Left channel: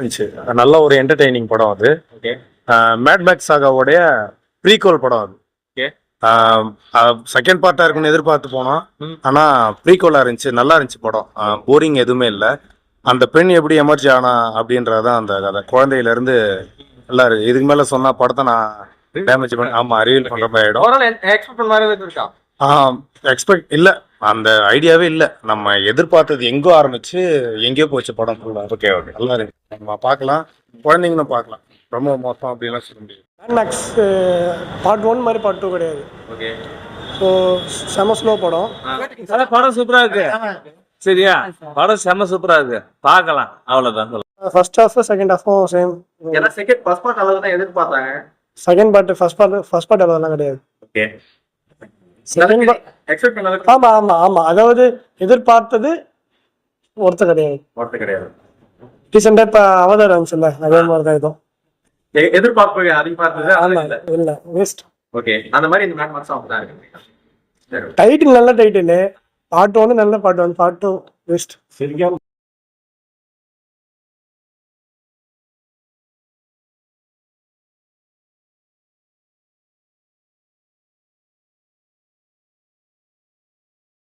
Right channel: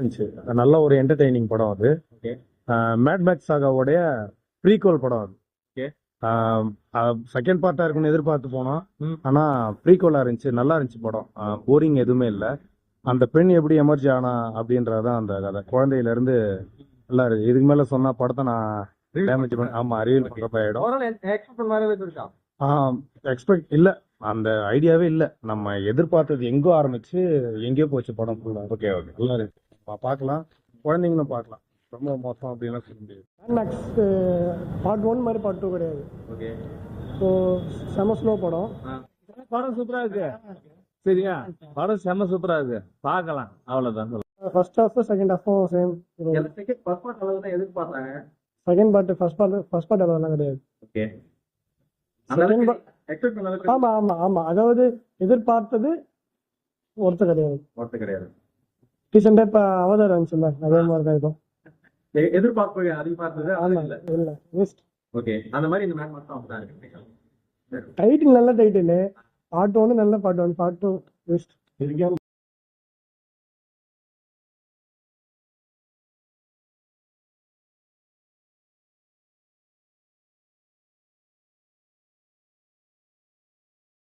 இருந்துச்சு. நல்ல ஒரு என்டர்டெய்னிங் படம் அது. ஓகே மேட் மேக்ஸ் சாகாவோடைய ப்ரீக்வல் படம் அது. ஓகே செகண்ட் பார்ட்டா இருக்குன்னு எதிர்பார்த்து போனோம். ஆனா ப்ரீக்வலா இருந்துச்சு, நல்லா இருந்துச்சு படம். போரிங் எதுவுமே இல்லை. அந்த பெண் எப்படி எமர்ஜி ஆனா அப்படின்றதான் அந்த கதை. குழந்தையில இருந்து நல்லா இருக்கு. இதுக்கு மேல சொன்னா படத்தை நான் டேமேஜ் பண்ண ரிவீல் பண்ற மாதிரி ஆயிடும். ஓவரால் எக்ஸ்பெக்ட் பண்ண மாதிரி எதுவும் இருக்கா? எக்ஸ்பெக்ட் இல்ல, அந்த ஐடியாவே இல்ல. நம்ம எதிர்பார்த்தது எங்கோ ஆரம்பிச்சு எங்கேயோ போச்சு படம் ஃபுல்லா. ஓகே ஓகே நல்லா இருக்கு, நம்ம பார்க்கலாம், குழந்தைங்களும் பார்க்கலாம். ரொம்ப மோசம் அப்படின்லாம் சொல்ல முடியாது. மேக்ஸ் பார்ட் 1 மாதிரி பார்ட் 2 கிடையாது. ஓகே ஸோ செம ஸ்லோ படம். படம் சூப்பரா இருக்கு. சரியா, படம் செம்ம சூப்பரா இருக்கு, பார்க்கலாம். அவ்வளவுதான். ஃபர்ஸ்ட் ஹாஃப் செகண்ட் ஹாஃபும் சேம். ஏன்னா செகண்ட் ஃபர்ஸ்ட் பார்ட் அளவு தான் எதிர்பார்த்தாங்க. செகண்ட் பார்ட் ஃபர்ஸ்ட் பார்ட் அளவுலாம் கிடையாது. ஓகே செகண்ட் எக்ஸ்பெக்ட் பண்ண அளவுக்கு ஆமா ஆமா ஆமா, அதாவது எதிர்பார்த்தது ஒருத்த கிடையாது. ஒர்த் கிடையாது. ரீசெண்டாக இப்போ அவதாரம் இருந்துச்சுல்ல, அதே மாதிரி தான் இதுவும். எதிர்பார்ப்பு அதிகமானது ஆமா இல்லை வேஸ்ட். ஓகே அந்த மாதிரி இந்த மேட் மார்க்ஸ் தான் இருக்கு. டைட்டில் நல்ல டைட்டில், பார்ட் 1 நல்ல பார்ட் 1, பார்ட் 2 வேஸ்ட். சரியா